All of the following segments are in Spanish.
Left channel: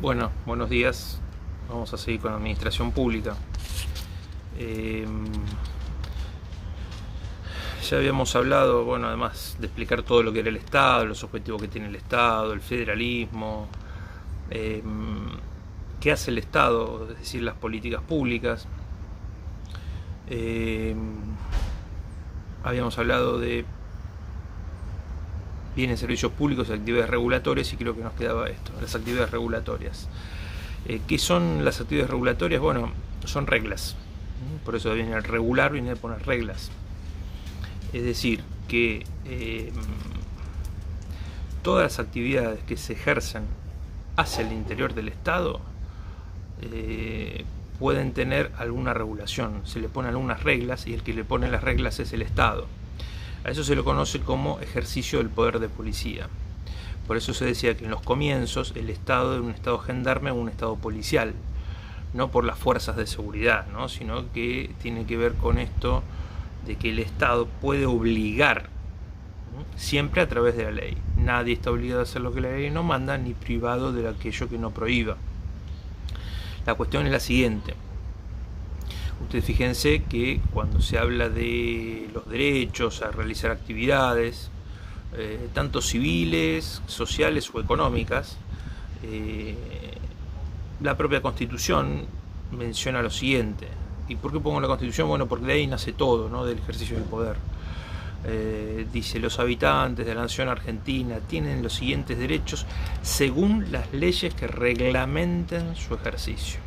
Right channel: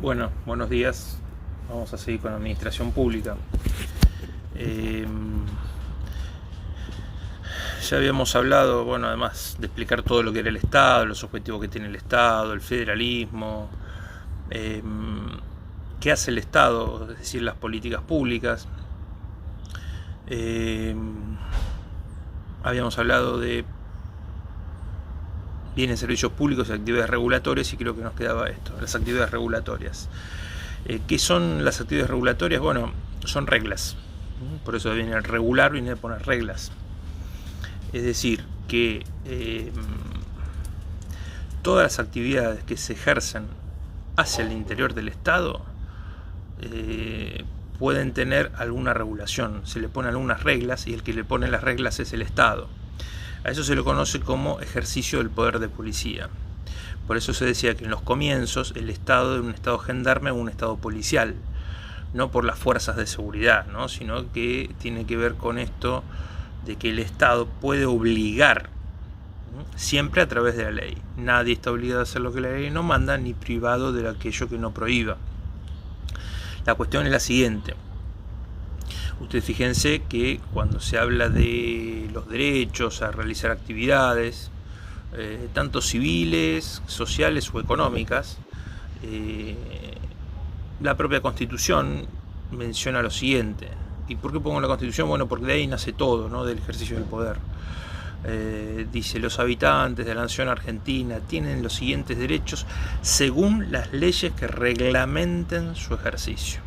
Bueno, buenos días. Vamos a seguir con la administración pública. Ya habíamos hablado, bueno, además de explicar todo lo que era el Estado, los objetivos que tiene el Estado, el federalismo, qué hace el Estado, es decir, las políticas públicas. Habíamos hablado de bienes, servicios públicos y actividades regulatorias, y creo que nos quedaba esto, las actividades regulatorias. ¿Qué son las actividades regulatorias? Bueno, son reglas. Por eso viene el regular, viene a poner reglas. Es decir, que todas las actividades que se ejercen hacia el interior del Estado pueden tener alguna regulación. Se le ponen algunas reglas y el que le pone las reglas es el Estado. A eso se lo conoce como ejercicio del poder de policía. Por eso se decía que en los comienzos el Estado era un Estado gendarme o un Estado policial, no por las fuerzas de seguridad, ¿no? Sino que tiene que ver con esto de que el Estado puede obligar, ¿no? Siempre a través de la ley. Nadie está obligado a hacer lo que la ley no manda, ni privado de aquello que no prohíba. La cuestión es la siguiente. Ustedes fíjense que cuando se habla de los derechos a realizar actividades, tanto civiles, sociales o económicas, la propia Constitución menciona lo siguiente. ¿Y por qué pongo la Constitución? Bueno, porque de ahí nace todo, ¿no? Del ejercicio del poder. Dice, los habitantes de la nación argentina tienen los siguientes derechos según las leyes que reglamenten su ejercicio.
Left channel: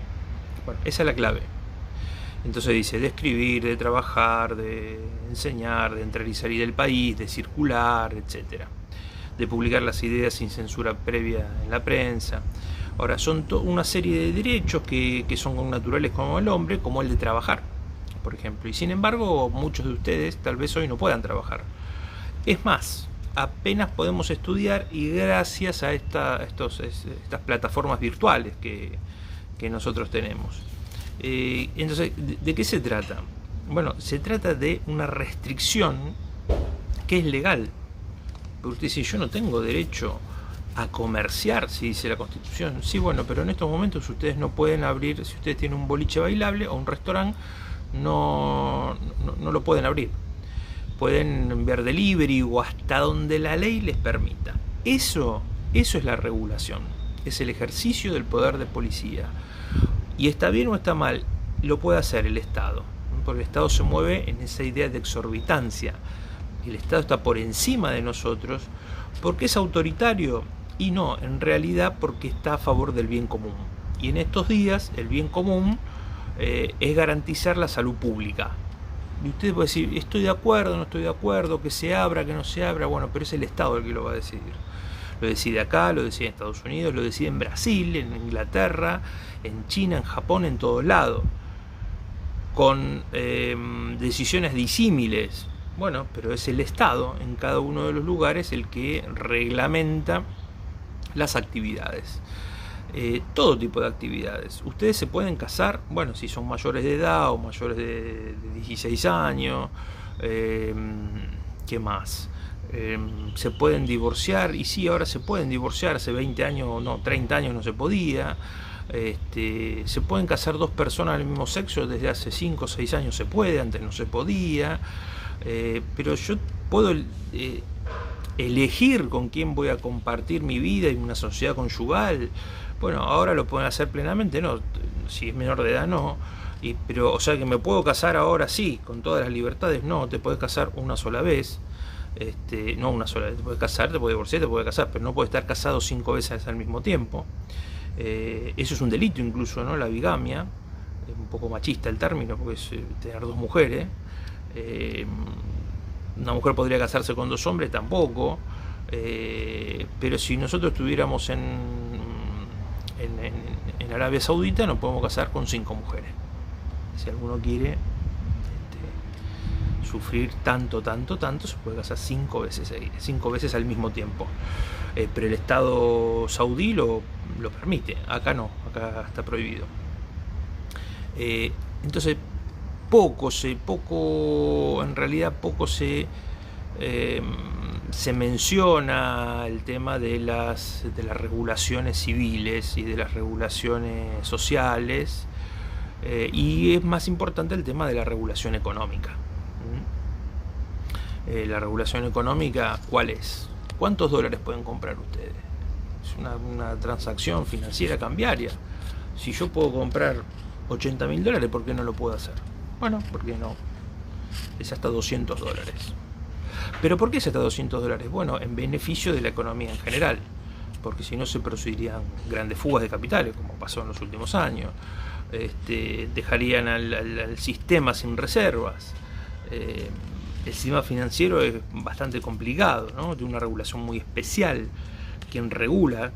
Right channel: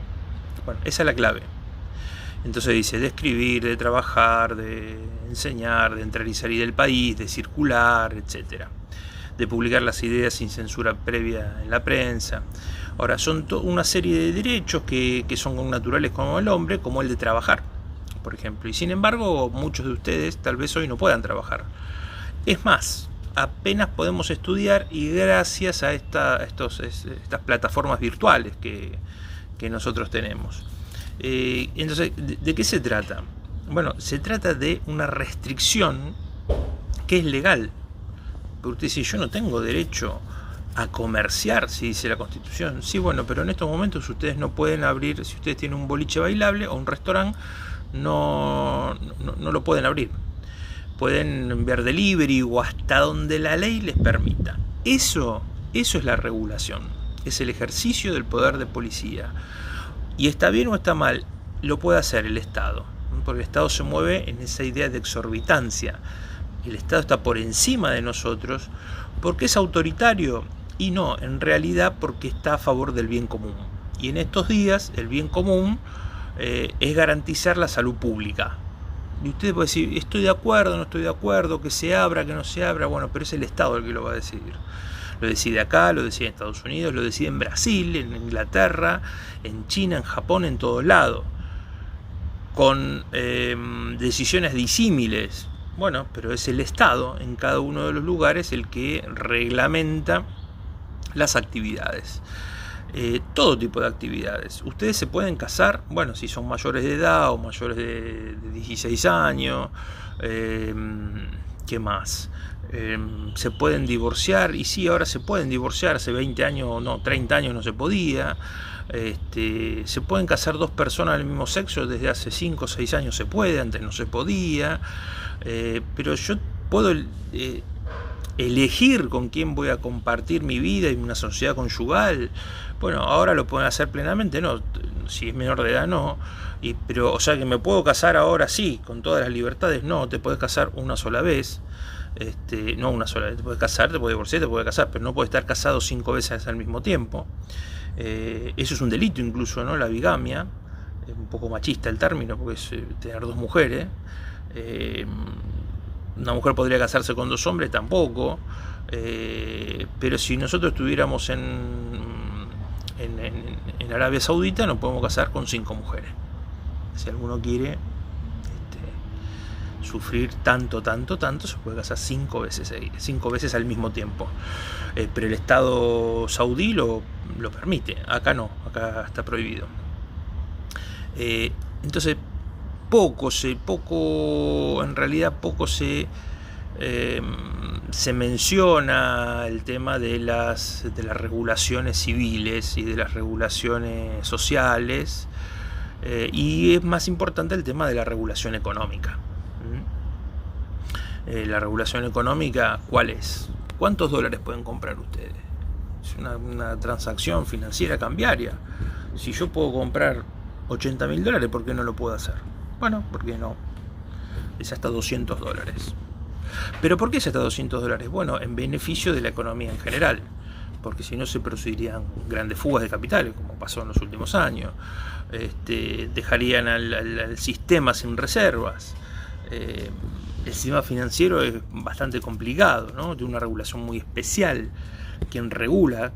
Bueno, esa es la clave. Entonces dice, de escribir, de trabajar, de enseñar, de entrar y salir del país, de circular, etc. De publicar las ideas sin censura previa en la prensa. Ahora, son una serie de derechos que son naturales como el hombre, como el de trabajar, por ejemplo. Y sin embargo, muchos de ustedes tal vez hoy no puedan trabajar. Es más, apenas podemos estudiar y gracias a estas plataformas virtuales que nosotros tenemos. Entonces, ¿de qué se trata? Bueno, se trata de una restricción que es legal. Porque usted dice, yo no tengo derecho a comerciar, si dice la Constitución. Sí, bueno, pero en estos momentos ustedes no pueden abrir, si ustedes tienen un boliche bailable o un restaurante, no lo pueden abrir. Pueden enviar delivery o hasta donde la ley les permita. Eso es la regulación. Es el ejercicio del poder de policía. Y está bien o está mal, lo puede hacer el Estado, porque el Estado se mueve en esa idea de exorbitancia. El Estado está por encima de nosotros porque es autoritario y no, en realidad porque está a favor del bien común. Y en estos días el bien común es garantizar la salud pública. Y usted puede decir, estoy de acuerdo, no estoy de acuerdo, que se abra, que no se abra, bueno, pero es el Estado el que lo va a decidir. Lo decide acá, lo decide en Estados Unidos, lo decide en Brasil, en Inglaterra, en China, en Japón, en todos lados. Con decisiones disímiles. Bueno, pero es el Estado en cada uno de los lugares el que reglamenta las actividades. Todo tipo de actividades. Ustedes se pueden casar, bueno, si son mayores de edad o mayores de 16 años. ¿Qué más? Se pueden divorciar, y sí, ahora se pueden divorciar, hace 20 años, no, 30 años no se podía. Se pueden casar dos personas del mismo sexo, desde hace 5 o 6 años se puede, antes no se podía. Pero yo puedo elegir con quién voy a compartir mi vida y una sociedad conyugal. Bueno, ahora lo pueden hacer plenamente, no, si es menor de edad no. Pero, o sea, que me puedo casar ahora sí, con todas las libertades, no, te puedes casar una sola vez. No una sola vez, te puedes casar, te puedes divorciar, te puedes casar, pero no puedes estar casado 5 veces al mismo tiempo. Eso es un delito incluso, ¿no? La bigamia, es un poco machista el término, porque es tener 2 mujeres. Una mujer podría casarse con 2 hombres, tampoco. Pero si nosotros estuviéramos en Arabia Saudita, nos podemos casar con 5 mujeres. Si alguno quiere sufrir tanto, se puede casar 5 veces, 5 veces al mismo tiempo. Pero el Estado saudí lo permite, acá no, acá está prohibido. Entonces, poco se se menciona el tema de las regulaciones civiles y de las regulaciones sociales, y es más importante el tema de la regulación económica. La regulación económica, ¿cuál es? ¿Cuántos dólares pueden comprar ustedes? Es una transacción financiera cambiaria. Si yo puedo comprar $80.000, ¿por qué no lo puedo hacer? Bueno, ¿por qué no? Es hasta $200. ¿Pero por qué es hasta $200? Bueno, en beneficio de la economía en general, porque si no se producirían grandes fugas de capitales, como pasó en los últimos años. Dejarían al sistema sin reservas. El sistema financiero es bastante complicado, ¿no? Tiene una regulación muy especial. Quien regula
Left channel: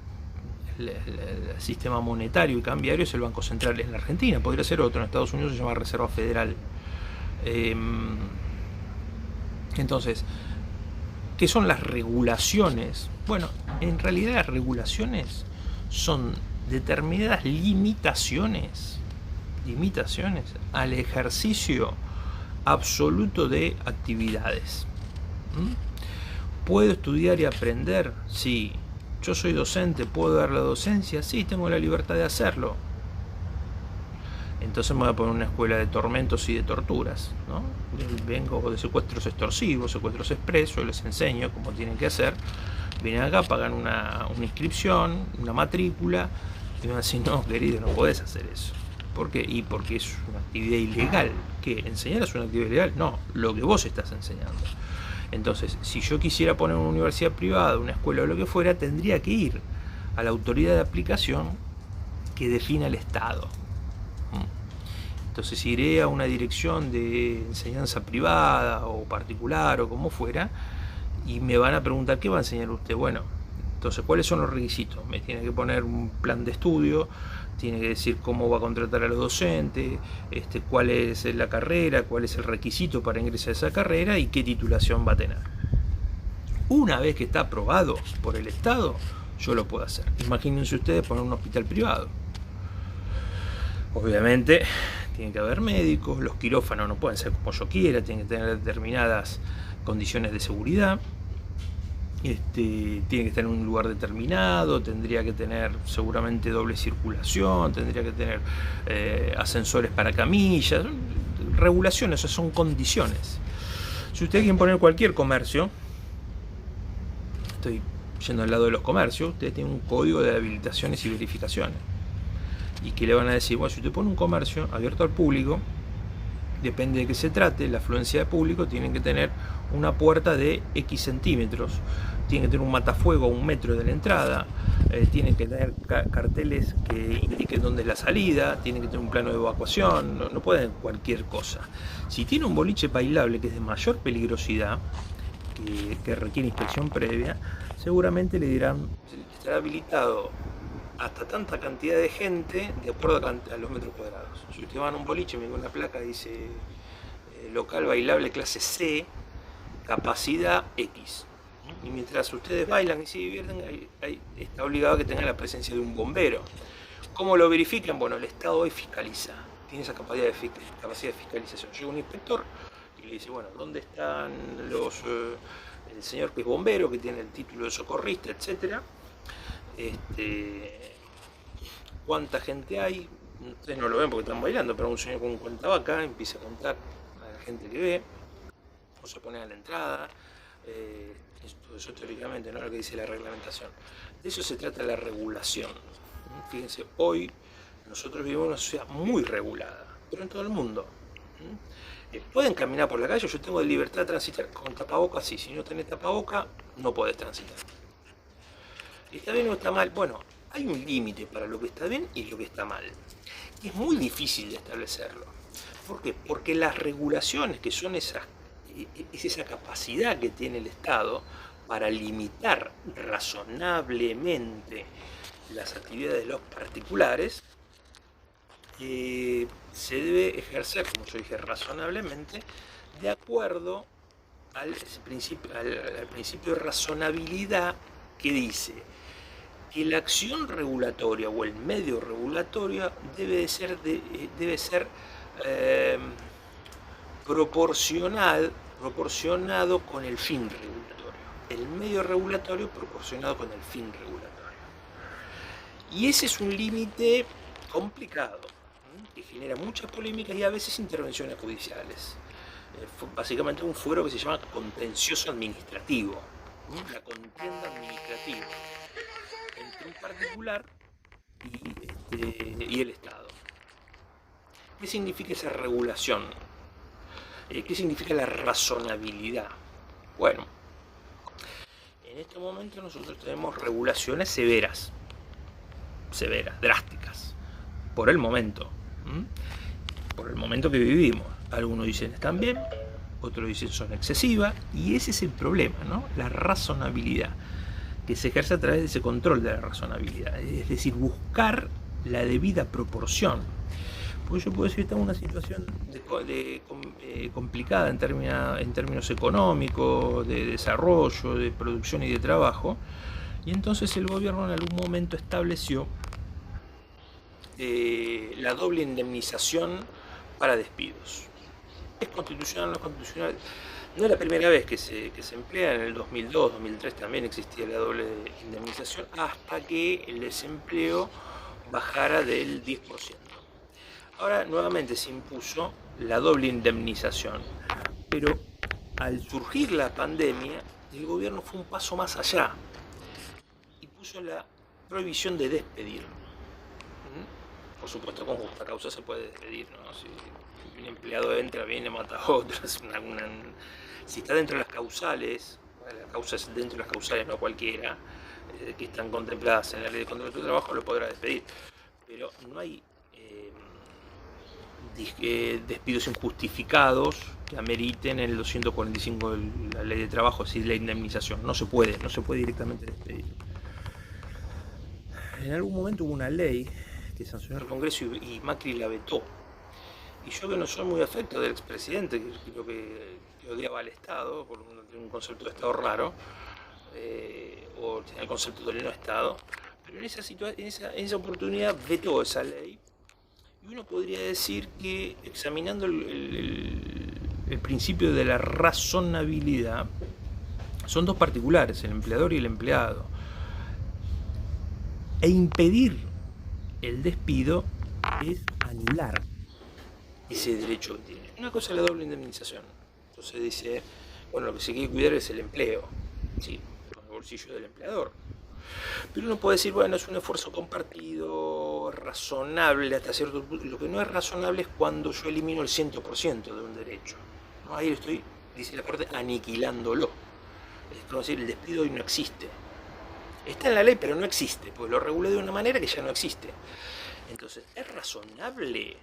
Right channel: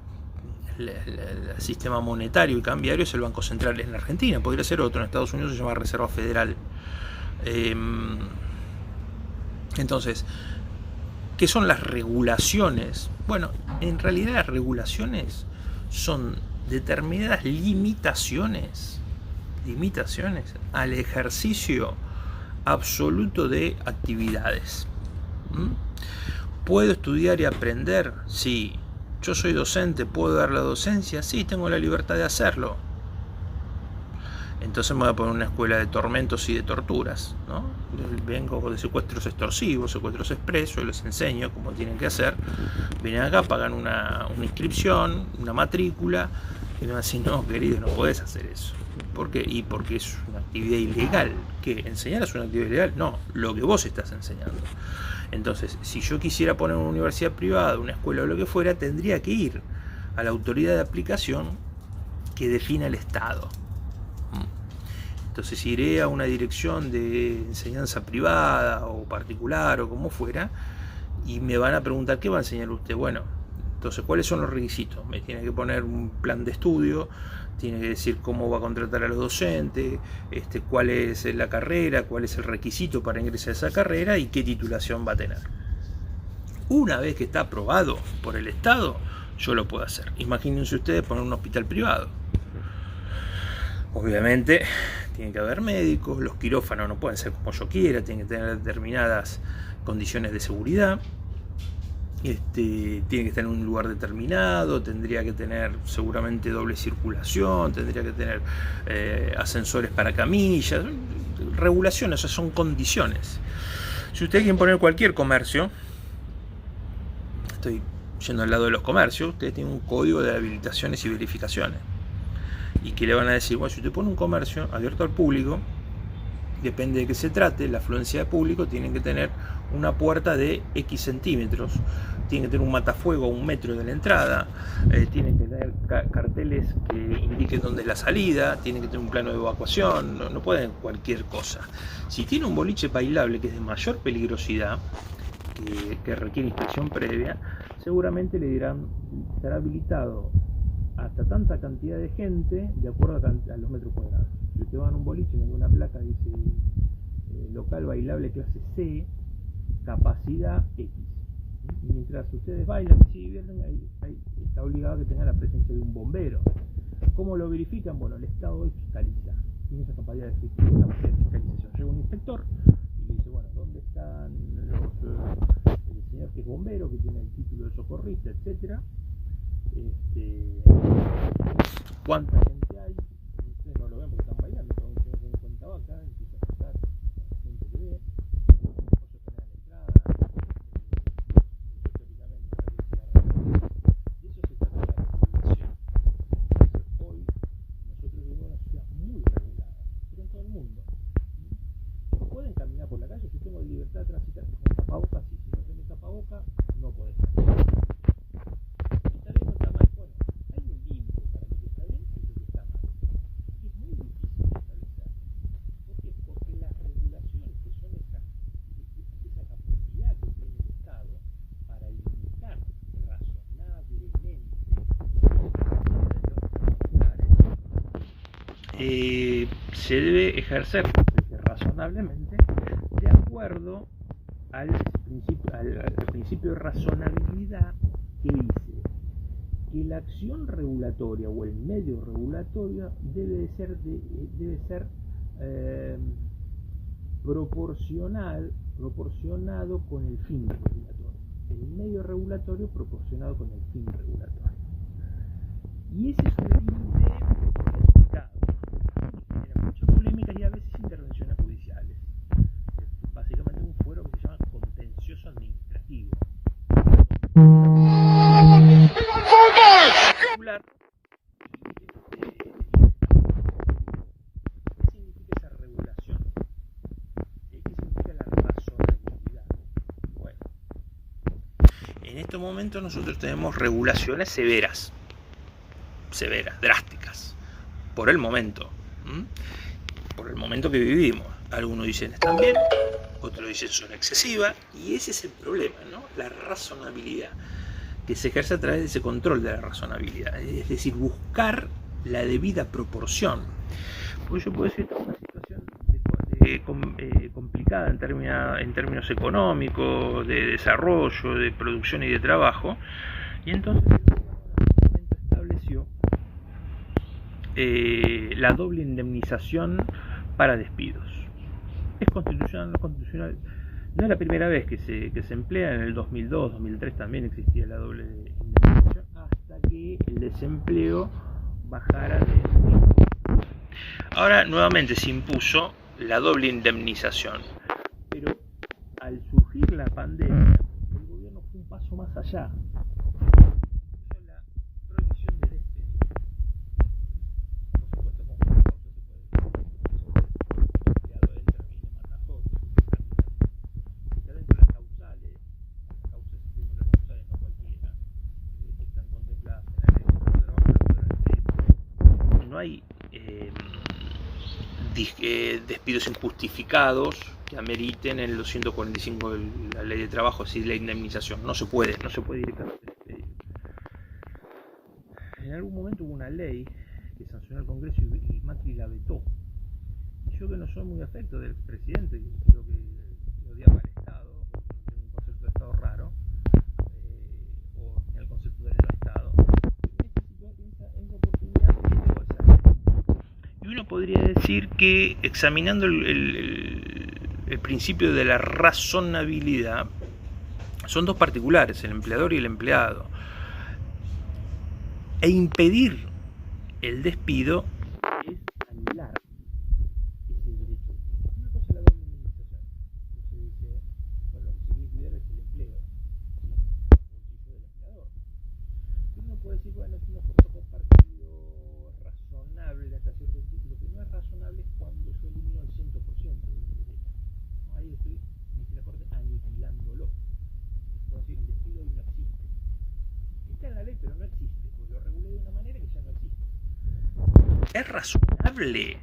el sistema monetario y cambiario es el Banco Central en la Argentina. Podría ser otro, en Estados Unidos se llama Reserva Federal. Entonces, ¿qué son las regulaciones? Bueno, en realidad las regulaciones son determinadas limitaciones al ejercicio absoluto de actividades. ¿Puedo estudiar y aprender? Sí. ¿Yo soy docente? ¿Puedo dar la docencia? Sí, tengo la libertad de hacerlo. Entonces me voy a poner una escuela de tormentos y de torturas, ¿no? Vengo de secuestros extorsivos, secuestros expresos, les enseño cómo tienen que hacer. Vienen acá, pagan una inscripción, una matrícula, y me van a decir, no, querido, no podés hacer eso. ¿Por qué? Y porque es una actividad ilegal. ¿Qué? ¿Enseñar es una actividad ilegal? No, lo que vos estás enseñando. Entonces, si yo quisiera poner una universidad privada, una escuela o lo que fuera, tendría que ir a la autoridad de aplicación que defina el Estado. Entonces iré a una dirección de enseñanza privada o particular o como fuera, y me van a preguntar, ¿qué va a enseñar usted? Bueno, entonces, ¿cuáles son los requisitos? Me tiene que poner un plan de estudio, tiene que decir cómo va a contratar a los docentes, cuál es la carrera, cuál es el requisito para ingresar a esa carrera y qué titulación va a tener. Una vez que está aprobado por el Estado, yo lo puedo hacer. Imagínense ustedes poner un hospital privado. Obviamente tiene que haber médicos, los quirófanos no pueden ser como yo quiera, tienen que tener determinadas condiciones de seguridad. Tiene que estar en un lugar determinado, tendría que tener seguramente doble circulación, tendría que tener ascensores para camillas, regulaciones, o sea, son condiciones. Si ustedes quieren poner cualquier comercio, estoy yendo al lado de los comercios, ustedes tienen un código de habilitaciones y verificaciones. Y que le van a decir, bueno, si usted pone un comercio abierto al público, depende de qué se trate, la afluencia de público, tienen que tener una puerta de X centímetros, tienen que tener un matafuego a 1 metro de la entrada, tienen que tener carteles que indiquen dónde es la salida, tienen que tener un plano de evacuación, no pueden cualquier cosa. Si tiene un boliche bailable que es de mayor peligrosidad, que requiere inspección previa, seguramente le dirán, estará habilitado hasta tanta cantidad de gente de acuerdo a los metros cuadrados. Si usted va a un boliche, me da una placa, dice local bailable clase C, capacidad X. Y mientras ustedes bailan y se divierten, está obligado a que tengan la presencia de un bombero. ¿Cómo lo verifican? Bueno, el Estado hoy fiscaliza, tiene esa capacidad de fiscalización. Llega un inspector y le dice, bueno, ¿dónde están el señor que es bombero, que tiene el título de socorrista, etcétera? ¿Cuánta gente hay? Ustedes no lo ven porque están bailando, pero un señor con un cuentabaca empieza a contar a la gente que ve, o se pone a la entrada. Eso teóricamente no es lo que dice la reglamentación. De eso se trata la regulación. Fíjense, hoy nosotros vivimos en una sociedad muy regulada, pero en todo el mundo. Pueden caminar por la calle, yo tengo libertad de transitar con tapabocas, sí. Si no tenés tapaboca, no podés transitar. ¿Está bien o está mal? Bueno, hay un límite para lo que está bien y lo que está mal. Y es muy difícil de establecerlo. ¿Por qué? Porque las regulaciones, que son esa capacidad que tiene el Estado para limitar razonablemente las actividades de los particulares, se debe ejercer, como yo dije, razonablemente, de acuerdo al principio de razonabilidad, que dice que la acción regulatoria o el medio regulatorio debe ser proporcionado con el fin regulatorio. el medio regulatorio proporcionado con el fin regulatorio. Y ese es un límite complicado, que genera muchas polémicas y a veces intervenciones judiciales. Básicamente un fuero que se llama contencioso administrativo. La contienda particular y el Estado. ¿Qué significa esa regulación? ¿Qué significa la razonabilidad? Bueno, en estos momentos nosotros tenemos regulaciones severas, drásticas, por el momento que vivimos. Algunos dicen están bien, otros dicen son excesivas, y ese es el problema, ¿no? La razonabilidad, que se ejerce a través de ese control de la razonabilidad, es decir, buscar la debida proporción. Porque yo puedo decir que estamos en una situación complicada en términos económicos, de desarrollo, de producción y de trabajo, y entonces el gobierno en algún momento estableció la doble indemnización para despidos. ¿Es constitucional o no es constitucional? No es la primera vez que se emplea. En el 2002, 2003 también existía la doble indemnización, hasta que el desempleo bajara del 10%. Ahora nuevamente se impuso la doble indemnización, pero al surgir la pandemia, el gobierno fue un paso más allá y puso la prohibición de despedir. Por supuesto, con justa causa se puede despedir, ¿no? Si un empleado entra, viene, mata a otro, si está dentro de las causales, la causa es dentro de las causales, no cualquiera, que están contempladas en la ley de contrato de trabajo, lo podrá despedir. Pero no hay despidos injustificados que ameriten el 245 de la ley de trabajo, es decir, la indemnización. No se puede directamente despedir. En algún momento hubo una ley que sancionó el Congreso y Macri la vetó. Y yo, que no soy muy afecto del expresidente, que creo que odiaba al Estado, por un concepto de Estado raro, o tenía el concepto del no Estado, pero en esa oportunidad vetó esa ley. Y uno podría decir que, examinando el principio de la razonabilidad, son dos particulares, el empleador y el empleado. E impedir el despido es anular ese derecho que tiene. Una cosa es la doble indemnización. Entonces dice, bueno, lo que se quiere cuidar es el empleo, sí, con el bolsillo del empleador. Pero uno puede decir, bueno, es un esfuerzo compartido, razonable hasta cierto punto. Lo que no es razonable es cuando yo elimino el 100% de un derecho, ¿no? Ahí estoy, dice la Corte, aniquilándolo. Es como decir, el despido hoy no existe. Está en la ley, pero no existe, porque lo regulé de una manera que ya no existe. Entonces, ¿es razonable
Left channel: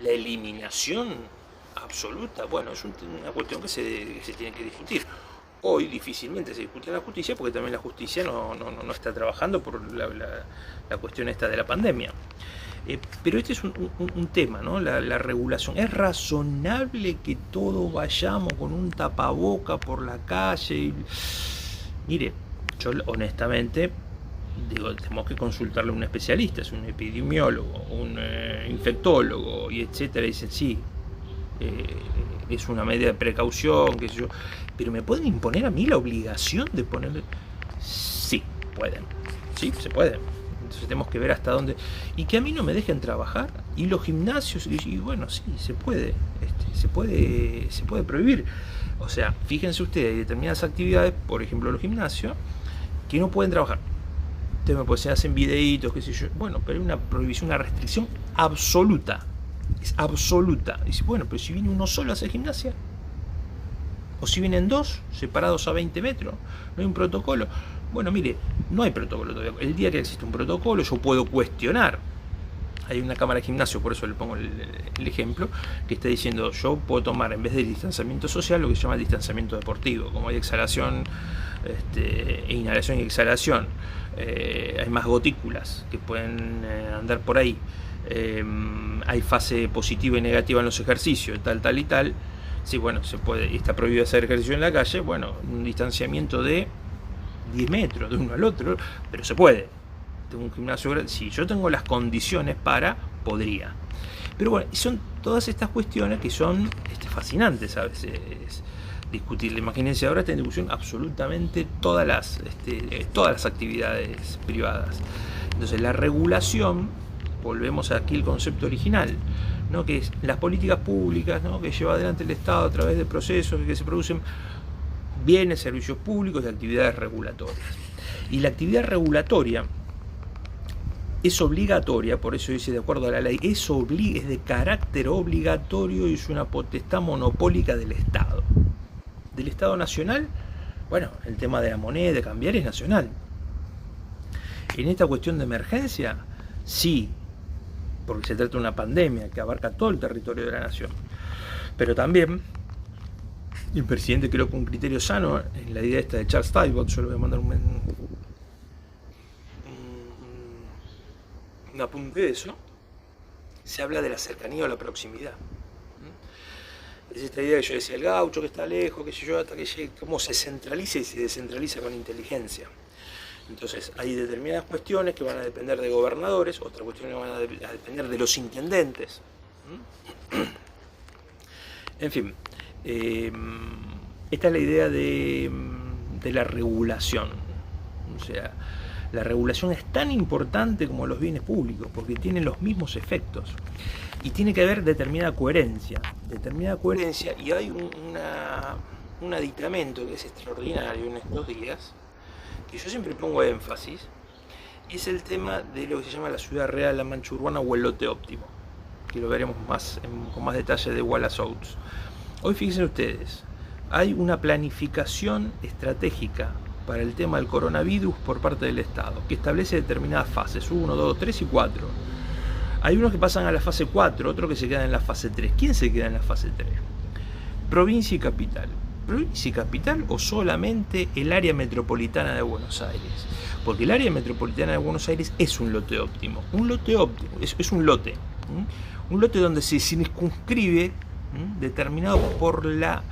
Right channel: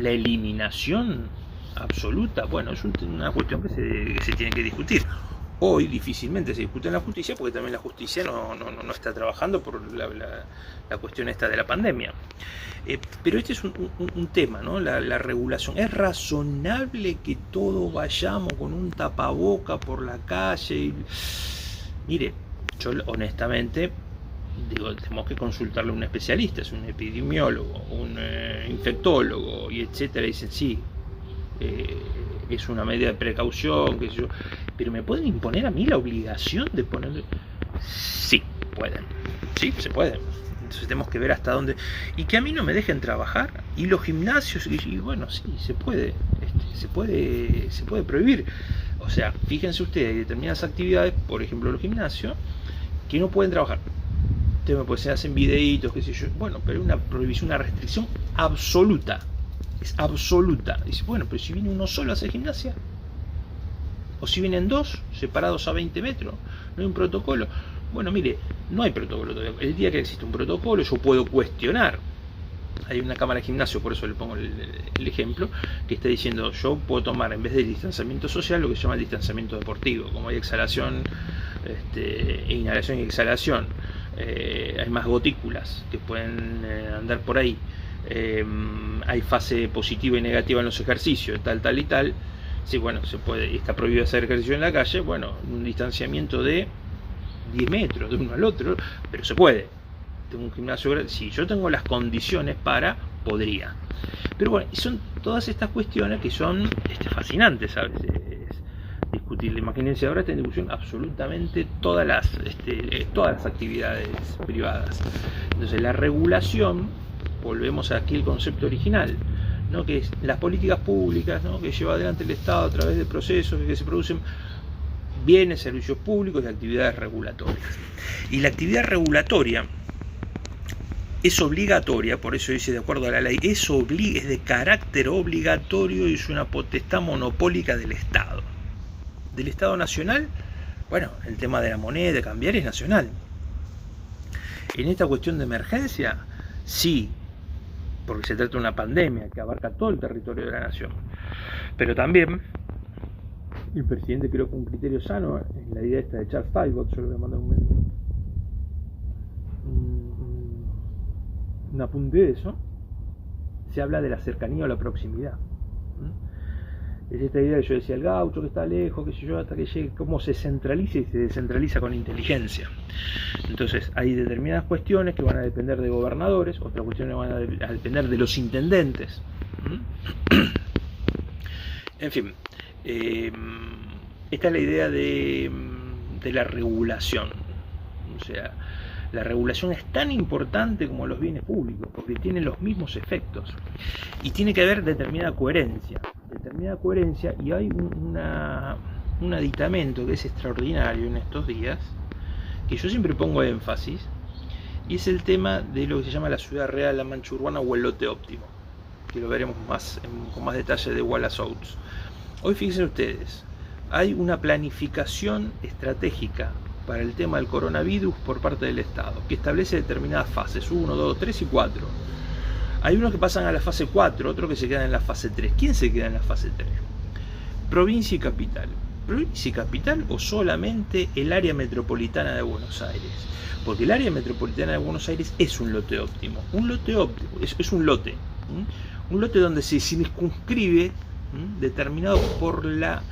la eliminación absoluta? Bueno, es una cuestión que se tiene que discutir. Hoy difícilmente se discute en la justicia, porque también la justicia no está trabajando por la cuestión esta de la pandemia. Pero este es un tema, ¿no? La regulación. ¿Es razonable que todos vayamos con un tapaboca por la calle? Mire, yo honestamente digo, tenemos que consultarle a un especialista, es un epidemiólogo, un infectólogo, y etcétera. Dicen, sí, es una medida de precaución, qué sé yo, pero ¿me pueden imponer a mí la obligación de ponerle? Sí, pueden, sí, se pueden. Entonces tenemos que ver hasta dónde, y que a mí no me dejen trabajar, y los gimnasios, y bueno, sí, se puede prohibir. O sea, fíjense ustedes, hay determinadas actividades, por ejemplo los gimnasios, que no pueden trabajar. Ustedes pues, se hacen videitos, qué sé yo. Bueno, pero hay una prohibición, una restricción absoluta. Es absoluta. Y dice, bueno, pero si viene uno solo a hacer gimnasia, o si vienen dos, separados a 20 metros, no hay un protocolo. Bueno, mire, no hay protocolo todavía. El día que existe un protocolo, yo puedo cuestionar. Hay una cámara de gimnasio, por eso le pongo el ejemplo, que está diciendo, yo puedo tomar en vez del distanciamiento social lo que se llama el distanciamiento deportivo. Como hay exhalación, inhalación y exhalación, hay más gotículas que pueden andar por ahí, hay fase positiva y negativa en los ejercicios, tal y tal. Sí, bueno, se puede, y está prohibido hacer ejercicio en la calle, bueno, un distanciamiento de 10 metros de uno al otro, pero se puede. Tengo un gimnasio, si yo tengo las condiciones podría. Pero bueno, son todas estas cuestiones que son fascinantes a veces, discutir. Imagínense, ahora está en discusión absolutamente todas las actividades privadas. Entonces la regulación, volvemos aquí al concepto original, ¿no? Que es las políticas públicas, ¿no? Que lleva adelante el Estado a través de procesos que se producen bienes, servicios públicos y actividades regulatorias. Y la actividad regulatoria es obligatoria, por eso dice de acuerdo a la ley, es de carácter obligatorio y es una potestad monopólica del Estado. Del Estado nacional, bueno, el tema de la moneda, de cambiar, es nacional. En esta cuestión de emergencia, sí, porque se trata de una pandemia que abarca todo el territorio de la nación. Pero también el presidente creo que un criterio sano, en la idea esta de Charles Talbot, yo le voy a mandar un apunte de eso, se habla de la cercanía o la proximidad. Es esta idea que yo decía, el gaucho que está lejos, que sé yo, hasta que llegue, cómo se centraliza y se descentraliza con inteligencia. Entonces hay determinadas cuestiones que van a depender de gobernadores, otras cuestiones van a depender de los intendentes. En fin, esta es la idea de la regulación. O sea, la regulación es tan importante como los bienes públicos, porque tienen los mismos efectos. Y tiene que haber determinada coherencia, y hay un aditamento que es extraordinario en estos días, que yo siempre pongo énfasis, y es el tema de lo que se llama la ciudad real, la mancha urbana o el lote óptimo, que lo veremos con más detalle de Wallace Oates. Hoy fíjense ustedes, hay una planificación estratégica para el tema del coronavirus por parte del Estado, que establece determinadas fases, 1, 2, 3 y 4. Hay unos que pasan a la fase 4, otros que se quedan en la fase 3. ¿Quién se queda en la fase 3? Provincia y capital. ¿Provincia y capital o solamente el área metropolitana de Buenos Aires? Porque el área metropolitana de Buenos Aires es un lote óptimo. Un lote óptimo es un lote. Un lote donde se circunscribe, determinado por la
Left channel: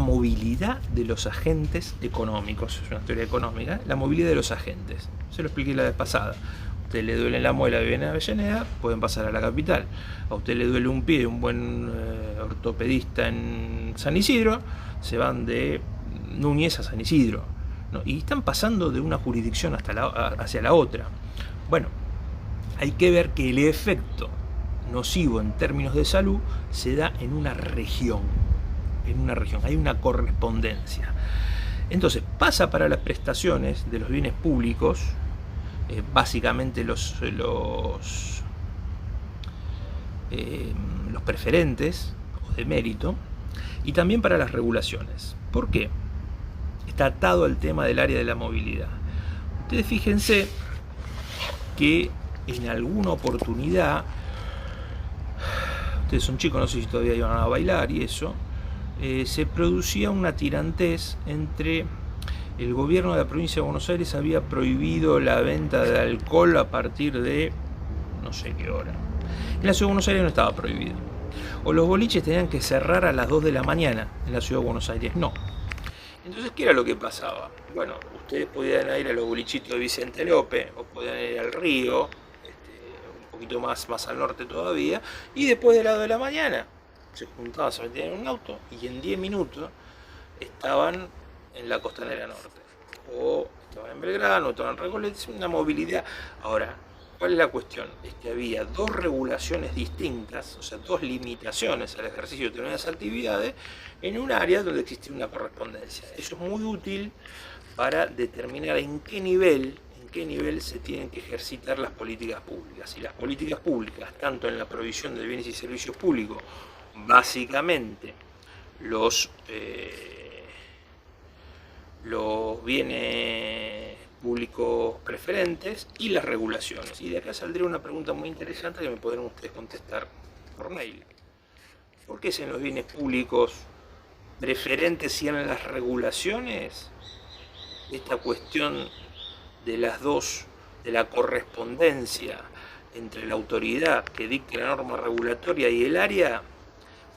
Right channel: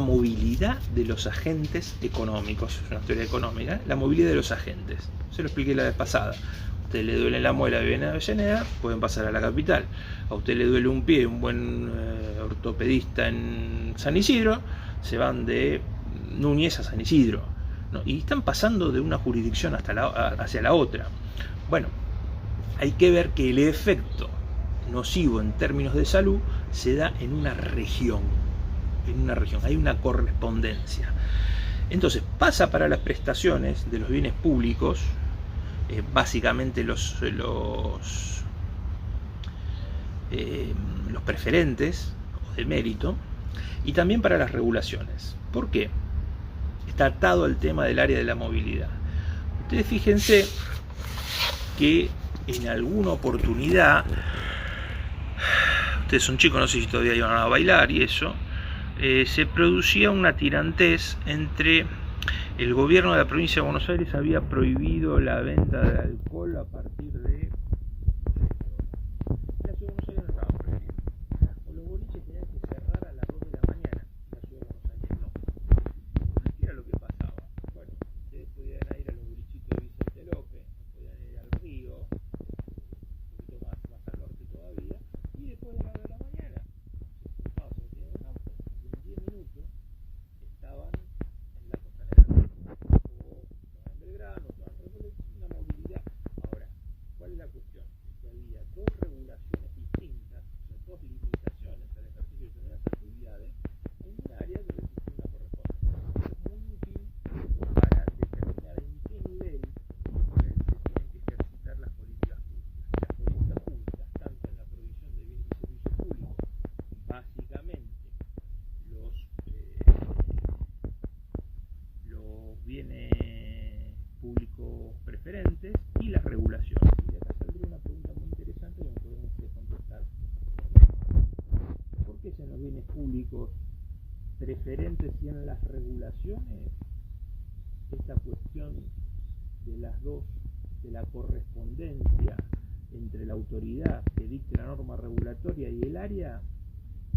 movilidad de los agentes económicos. Es una teoría económica, la movilidad de los agentes. Se lo expliqué la vez pasada. A usted le duele la muela y viene a Avellaneda, pueden pasar a la capital. A usted le duele un pie, un buen ortopedista en San Isidro, se van de Núñez a San Isidro, ¿no? Y están pasando de una jurisdicción hacia la otra. Bueno, hay que ver que el efecto nocivo en términos de salud se da en una región. Hay una correspondencia. Entonces pasa para las prestaciones de los bienes públicos, básicamente los preferentes o de mérito, y también para las regulaciones. ¿Por qué? Está atado al tema del área de la movilidad. Ustedes fíjense que en alguna oportunidad, ustedes son chicos, no sé si todavía iban a bailar y eso, se producía una tirantez entre el gobierno de la provincia de Buenos Aires había prohibido la venta de alcohol a partir de no sé qué hora. En la ciudad de Buenos Aires no estaba prohibido. O los boliches tenían que cerrar a las 2 de la mañana, en la ciudad de Buenos Aires no. Entonces, ¿qué era lo que pasaba? Bueno, ustedes podían ir a los bolichitos de Vicente López, o podían ir al Río, un poquito más al norte todavía, y después de las 2 de la mañana se juntaban, se metían en un auto y en 10 minutos estaban en la Costanera Norte, o estaban en Belgrano, o estaban en Recoleta. Es una movilidad. Ahora, ¿cuál es la cuestión? Es que había dos regulaciones distintas, o sea, dos limitaciones al ejercicio de determinadas actividades en un área donde existe una correspondencia. Eso es muy útil para determinar en qué nivel se tienen que ejercitar las políticas públicas. Y las políticas públicas, tanto en la provisión de bienes y servicios públicos, básicamente los bienes públicos preferentes y las regulaciones. Y de acá saldría una pregunta muy interesante que me podrán ustedes contestar por mail. ¿Por qué es en los bienes públicos preferentes y en las regulaciones esta cuestión de las dos, de la correspondencia entre la autoridad que dicta la norma regulatoria y el área?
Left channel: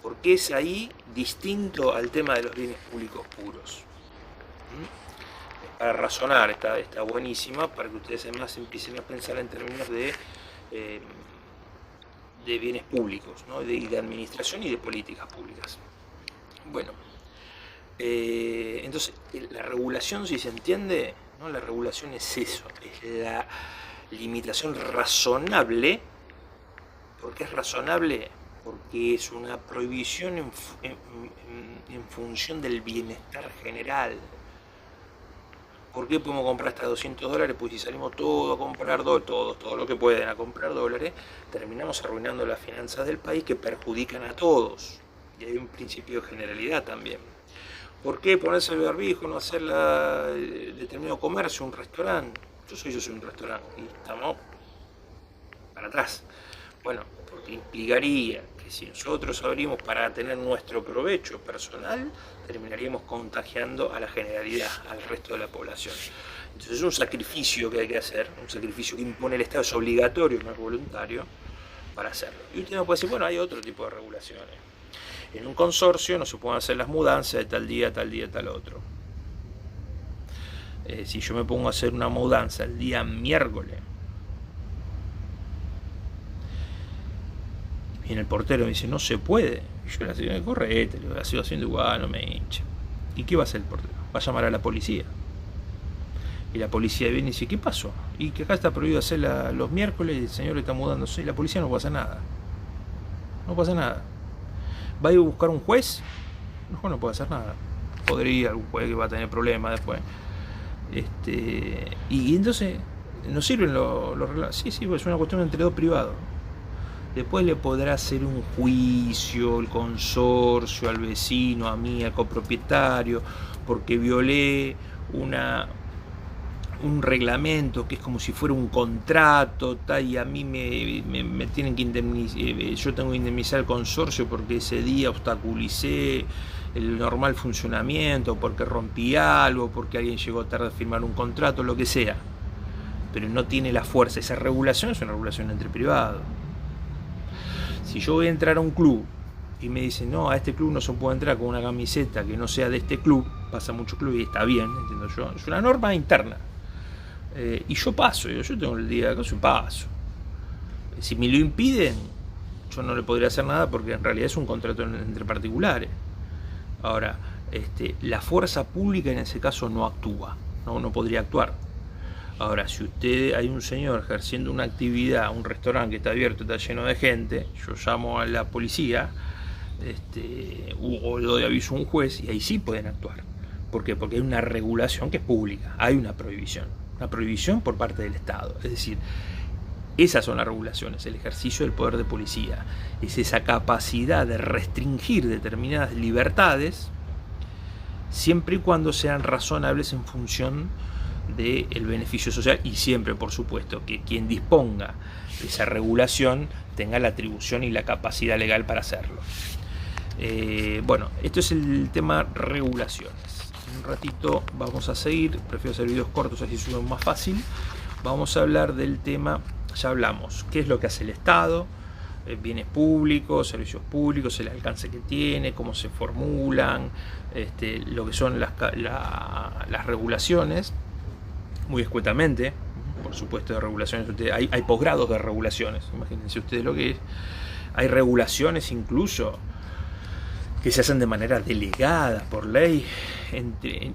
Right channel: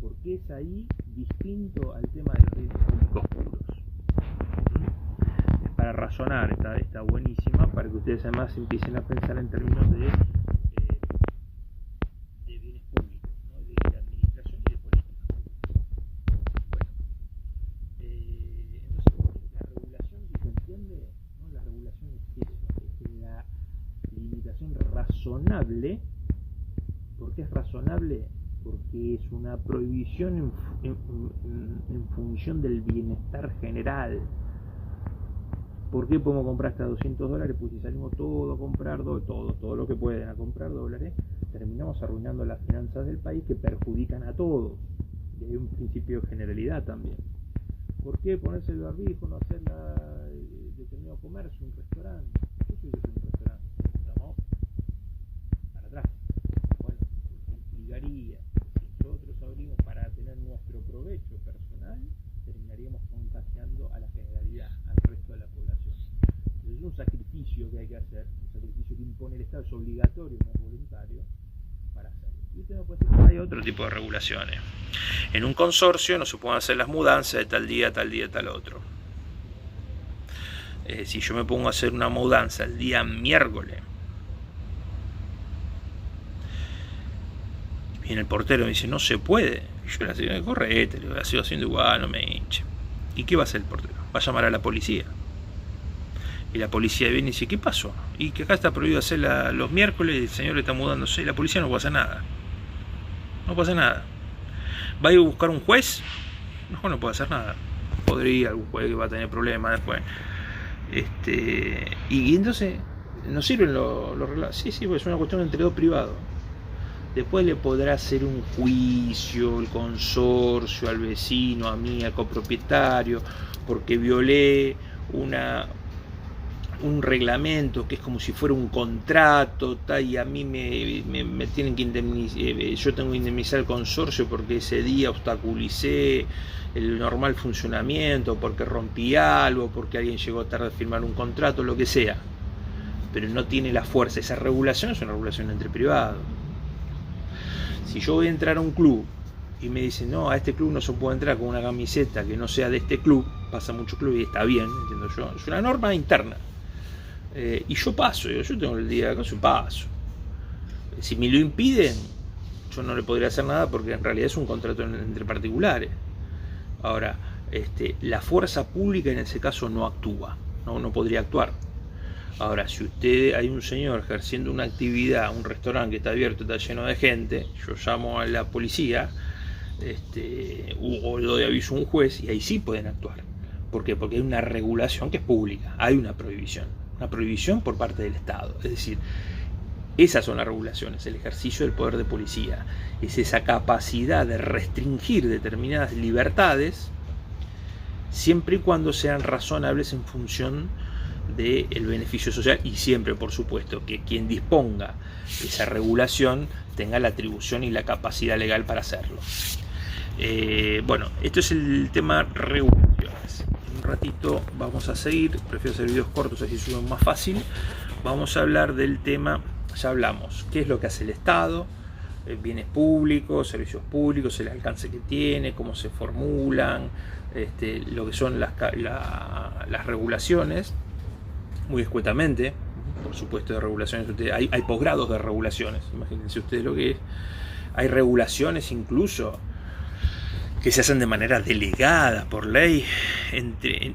¿Por qué es ahí distinto al tema de los bienes públicos puros? Para razonar, está buenísima, para que ustedes además empiecen a pensar en términos de bienes públicos, ¿no? de administración y de políticas públicas. Entonces, la regulación, si se entiende, ¿no? La regulación es eso, es la limitación razonable. ¿Por qué es razonable? Porque es una prohibición en función del bienestar general. ¿Por qué podemos comprar hasta $200? Pues si salimos todos a comprar todos los que pueden a comprar dólares, terminamos arruinando las finanzas del país que perjudican a todos. Y hay un principio de generalidad también. ¿Por qué ponerse el barbijo, no hacer determinado comercio, un restaurante? Yo soy un restaurante y estamos para atrás. Bueno, porque implicaría que si nosotros abrimos para tener nuestro provecho personal, terminaríamos contagiando a la generalidad, al resto de la población. Entonces es un sacrificio que hay que hacer, un sacrificio que impone el Estado, es obligatorio, no es voluntario, para hacerlo. Y usted me puede decir, bueno, hay otro tipo de regulaciones. En un consorcio no se pueden hacer las mudanzas de tal día, tal otro. Si yo me pongo a hacer una mudanza el día miércoles, viene el portero y me dice, no se puede. Y yo le digo, correte, la sigo haciendo igual, no me hinche. ¿Y qué va a hacer el portero? Va a llamar a la policía. Y la policía viene y dice, ¿qué pasó? Y que acá está prohibido hacer los miércoles y el señor está mudándose y la policía no puede hacer nada. No puede hacer nada. ¿Va a ir a buscar un juez? No puede hacer nada. Podría, algún juez que va a tener problemas después. Y entonces, ¿nos sirven los relatos? Sí, pues es una cuestión entre dos privados. Después le podrá hacer un juicio el consorcio al vecino, a mí, al copropietario, porque violé un reglamento que es como si fuera un contrato, y a mí me tienen que indemnizar, yo tengo que indemnizar al consorcio porque ese día obstaculicé el normal funcionamiento, porque rompí algo, porque alguien llegó tarde a firmar un contrato, lo que sea, pero no tiene la fuerza. Esa regulación es una regulación entre privados. Si yo voy a entrar a un club y me dicen, no, a este club no se puede entrar con una camiseta que no sea de este club, pasa mucho club y está bien, entiendo yo, es una norma interna. Y yo paso, yo tengo el día de acá, yo paso. Si me lo impiden, yo no le podría hacer nada porque en realidad es un contrato entre particulares. Ahora, la fuerza pública en ese caso no actúa, no podría actuar. Ahora, si hay un señor ejerciendo una actividad, un restaurante que está abierto, está lleno de gente, yo llamo a la policía o lo doy aviso a un juez y ahí sí pueden actuar. ¿Por qué? Porque hay una regulación que es pública, hay una prohibición por parte del Estado. Es decir, esas son las regulaciones, el ejercicio del poder de policía, es esa capacidad de restringir determinadas libertades siempre y cuando sean razonables en función del beneficio social y siempre, por supuesto, que quien disponga de esa regulación tenga la atribución y la capacidad legal para hacerlo. Bueno, esto es el tema regulaciones. En un ratito vamos a seguir, prefiero hacer videos cortos así suben más fácil. Vamos a hablar del tema, ya hablamos, qué es lo que hace el Estado, bienes públicos, servicios públicos, el alcance que tiene, cómo se formulan, lo que son las regulaciones. Muy escuetamente, por supuesto, de regulaciones. Hay posgrados de regulaciones, imagínense ustedes lo que es. Hay regulaciones incluso que se hacen de manera delegada por ley,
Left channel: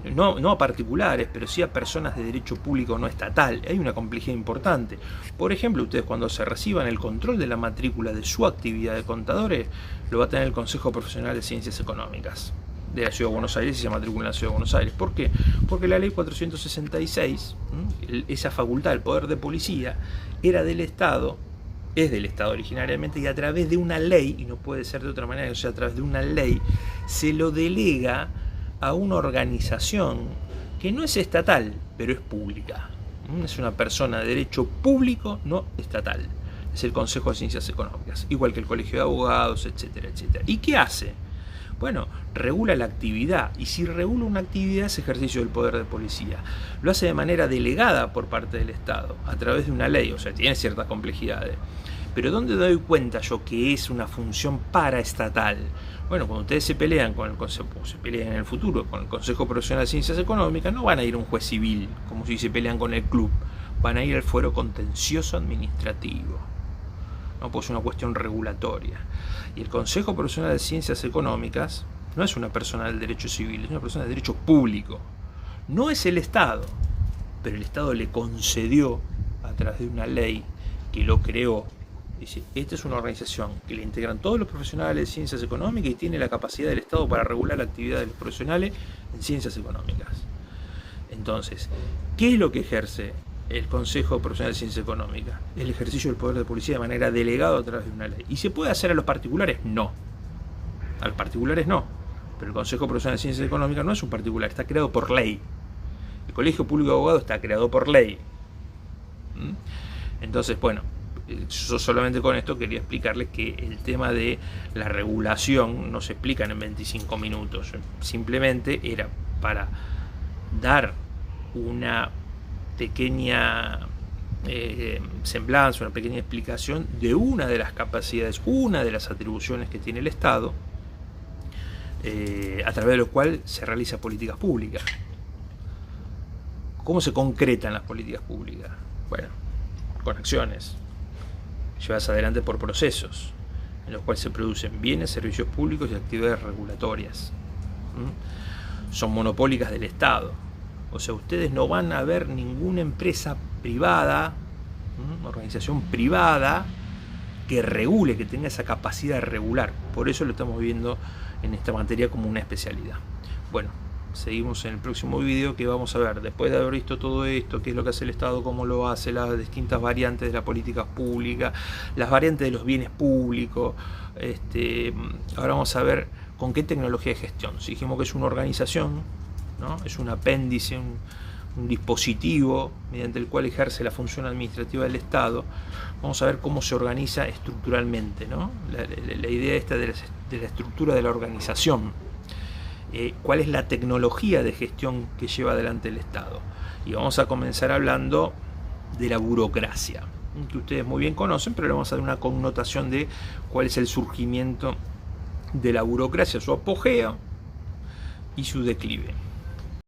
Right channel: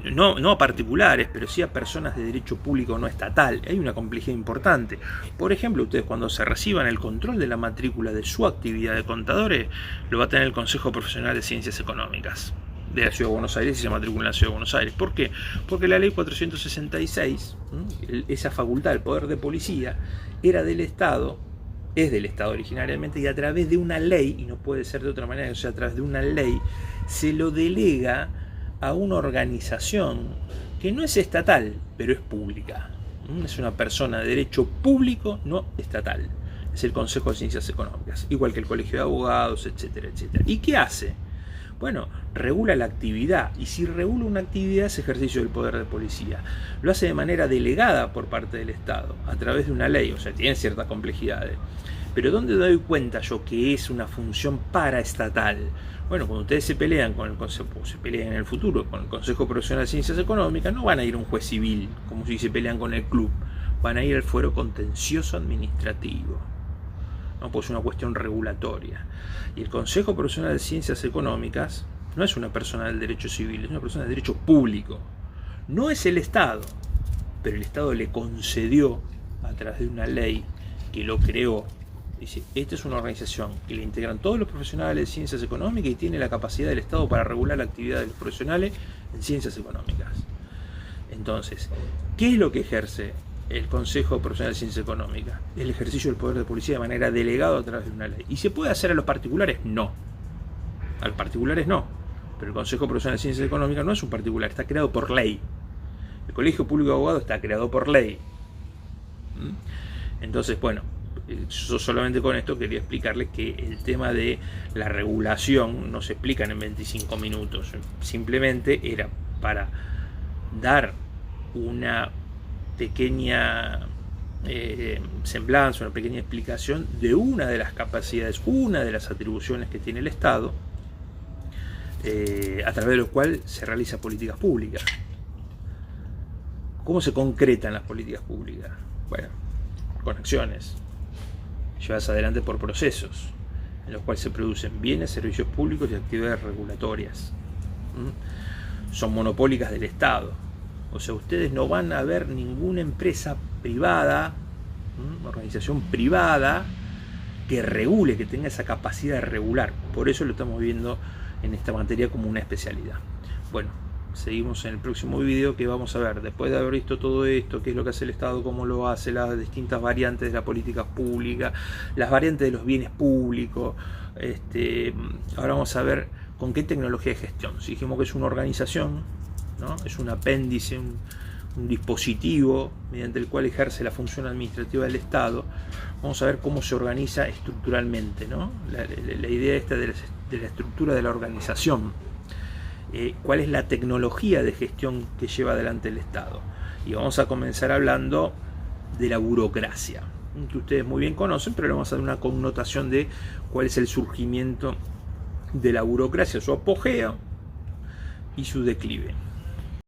no a particulares, pero sí a personas de derecho público no estatal. Hay una complejidad importante. Por ejemplo, ustedes cuando se reciban el control de la matrícula de su actividad de contadores, lo va a tener el Consejo Profesional de Ciencias Económicas de la Ciudad de Buenos Aires y se matricula en la Ciudad de Buenos Aires. ¿Por qué? Porque la ley 466, esa facultad del poder de policía, era del Estado, es del Estado originariamente, y a través de una ley, y no puede ser de otra manera que sea a través de una ley, se lo delega a una organización que no es estatal, pero es pública. Es una persona de derecho público no estatal. Es el Consejo de Ciencias Económicas, igual que el Colegio de Abogados, etcétera, etcétera. ¿Y qué hace? Bueno, regula la actividad, y si regula una actividad es ejercicio del poder de policía. Lo hace de manera delegada por parte del Estado, a través de una ley, o sea, tiene ciertas complejidades. Pero ¿dónde doy cuenta yo que es una función paraestatal? Bueno, cuando ustedes se pelean con el Consejo, se pelean en el futuro con el Consejo Profesional de Ciencias Económicas, no van a ir a un juez civil, como si se pelean con el club, van a ir al fuero contencioso administrativo. No, pues es una cuestión regulatoria. Y el Consejo Profesional de Ciencias Económicas no es una persona del derecho civil, es una persona del derecho público. No es el Estado, pero el Estado le concedió a través de una ley que lo creó. Dice, esta es una organización que le integran todos los profesionales de ciencias económicas y tiene la capacidad del Estado para regular la actividad de los profesionales en ciencias económicas. Entonces, ¿qué es lo que ejerce el Consejo Profesional de Ciencias Económicas? El ejercicio del poder de policía de manera delegada a través de una ley. ¿Y se puede hacer a los particulares? No. A los particulares no. Pero el Consejo Profesional de Ciencias Económicas no es un particular, está creado por ley. El Colegio Público de Abogados está creado por ley. Entonces, bueno, yo solamente con esto quería explicarles que el tema de la regulación no se explica en 25 minutos. Simplemente era para dar una pequeña semblanza, una pequeña explicación de una de las capacidades, una de las atribuciones que tiene el Estado, a través de lo cual se realizan políticas públicas. ¿Cómo se concretan las políticas públicas? Bueno, con acciones, llevadas adelante por procesos, en los cuales se producen bienes, servicios públicos y actividades regulatorias. Son monopólicas del Estado. O sea, ustedes no van a ver ninguna empresa privada, organización privada, que regule, que tenga esa capacidad de regular. Por eso lo estamos viendo en esta materia como una especialidad. Bueno, seguimos en el próximo video, que vamos a ver, después de haber visto todo esto, qué es lo que hace el Estado, cómo lo hace, las distintas variantes de la política pública, las variantes de los bienes públicos. Ahora vamos a ver con qué tecnología de gestión. Si dijimos que es una organización, ¿no? Es un apéndice, un dispositivo mediante el cual ejerce la función administrativa del Estado. Vamos a ver cómo se organiza estructuralmente, ¿no? La idea esta de la estructura de la organización. Cuál es la tecnología de gestión que lleva adelante el Estado. Y vamos a comenzar hablando de la burocracia, que ustedes muy bien conocen, pero le vamos a dar una connotación de cuál es el surgimiento de la burocracia, su apogeo y su declive.